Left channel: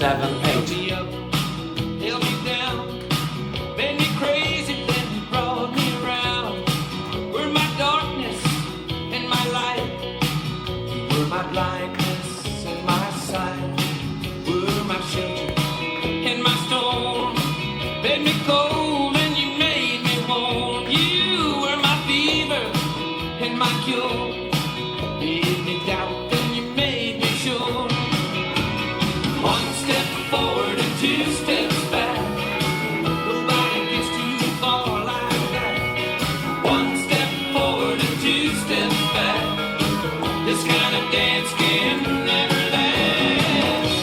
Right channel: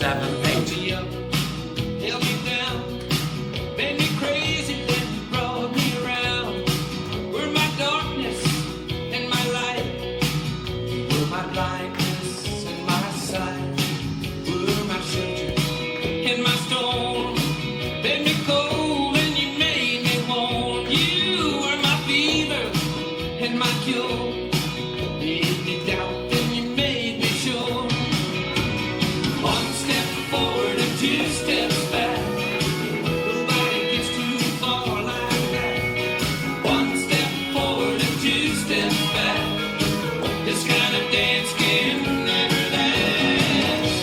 7, 8. Held me up, held me down, made me crazy, then brought me around. You were my darkness and my light. You were my blindness and my sight. You were my shelter in my storm. Made me cold and you made me warm. You were my fever and my cure. Made me doubt and you made me sure. One step forward and 2 steps back. Nobody gets too far like that. One step forward and 2 steps back. This kind of dance can never last.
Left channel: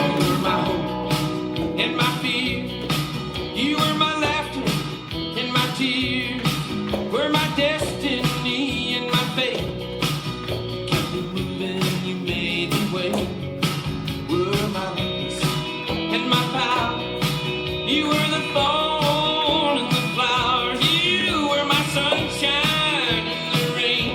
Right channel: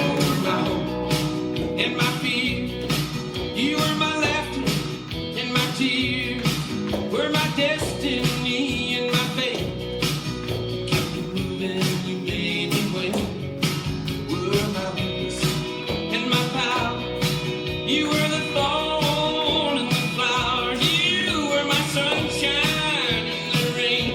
You were my hope and my fear. You were my laughter and my tears. Were my destiny and my fate. You kept me moving, you made me wait. Were my weakness and my power. You were the thorn and the flower. You were my sunshine and the rain.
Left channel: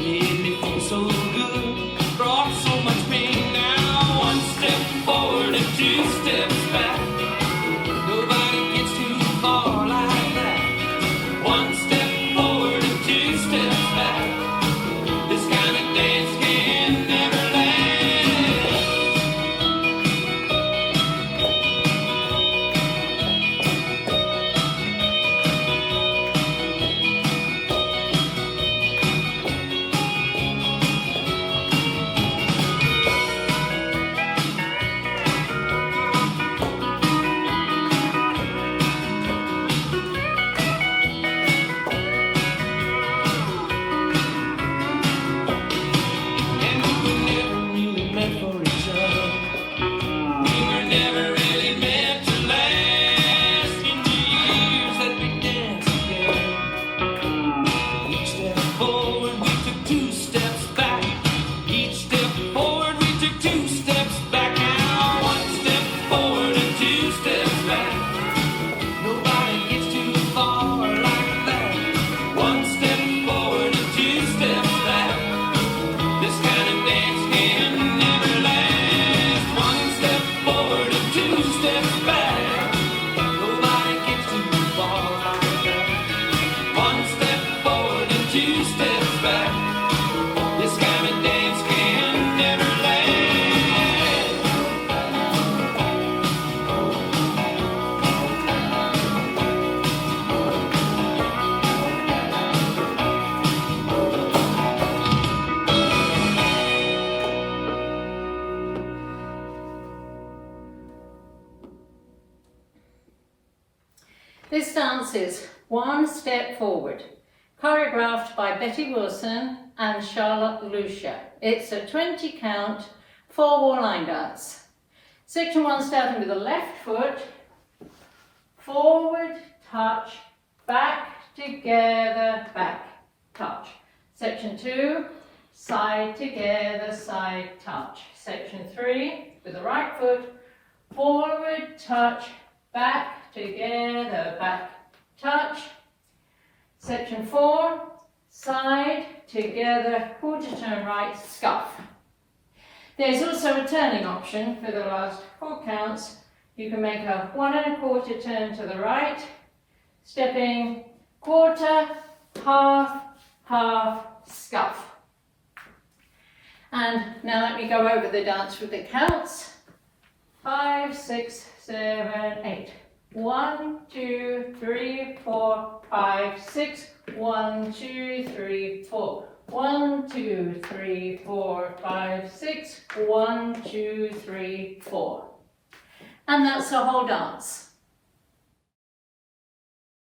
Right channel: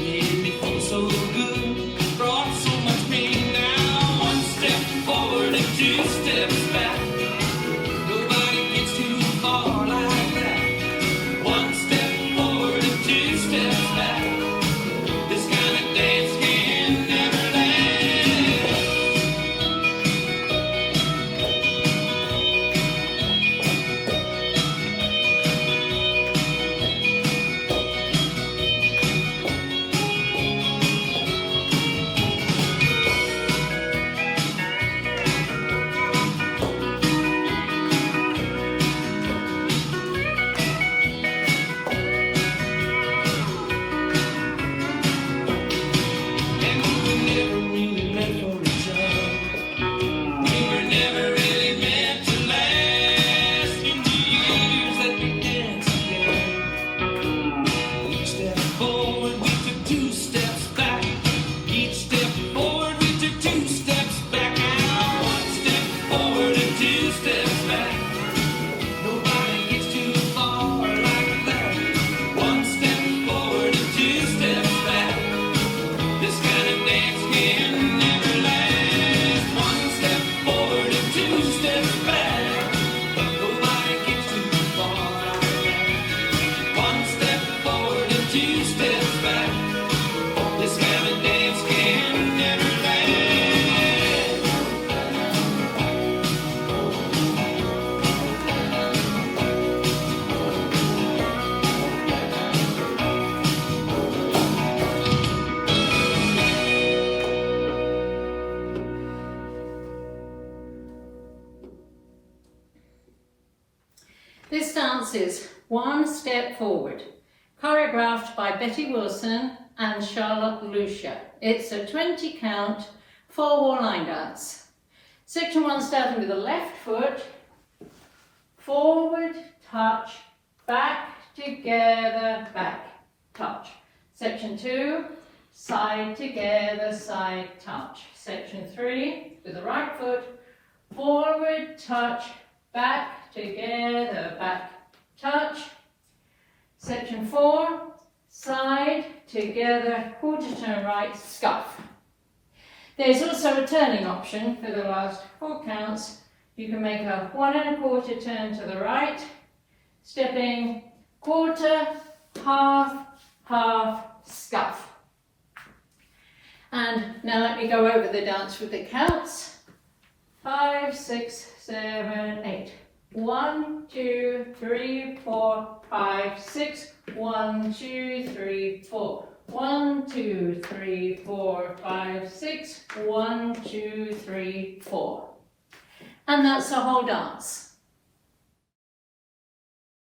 Made me feel so good, brought so much pain. Now one step forward and 2 steps back. Nobody gets too far like that. One step forward and 2 steps back. This kind of dance can never last. And we were never really meant for each other. We were never really meant to last. In the years that we danced together, each step forward we took 2 steps back. Each step forward we took 2 steps back. Now one step forward and 2 steps back. Nobody gets too far like that. One step forward and 2 steps back. This kind of dance can never last. One step forward and 2 steps back. Nobody gets too far like that. One step forward and 2 steps back. This kind of dance can never last. This dance is One Step Forward, choreographed by Betty Wilson and Charlotte Lucia. It's a 20 count, 4-wall line dance. Section 1 starting with the left foot, forward, touch, back, together, back, touch. Section 2, side, together, side, touch. Section 3, with the right foot, forward, touch, back, together, back, touch. Section 4, side, together, quarter turn right, scuff. There's also a turning option for the last 4 counts. You can make a 1 1/4 turn to the right, stepping quarter, half, half, scuff. And now let me go over the dance with the counts. 5, 6, 7, 8. 1, 2, 3, 4, 5, 6. 1, 2, 3, 4. 1, 2, 3, 4, 5, 6. 1, 2, 3, 4. And that's the whole dance.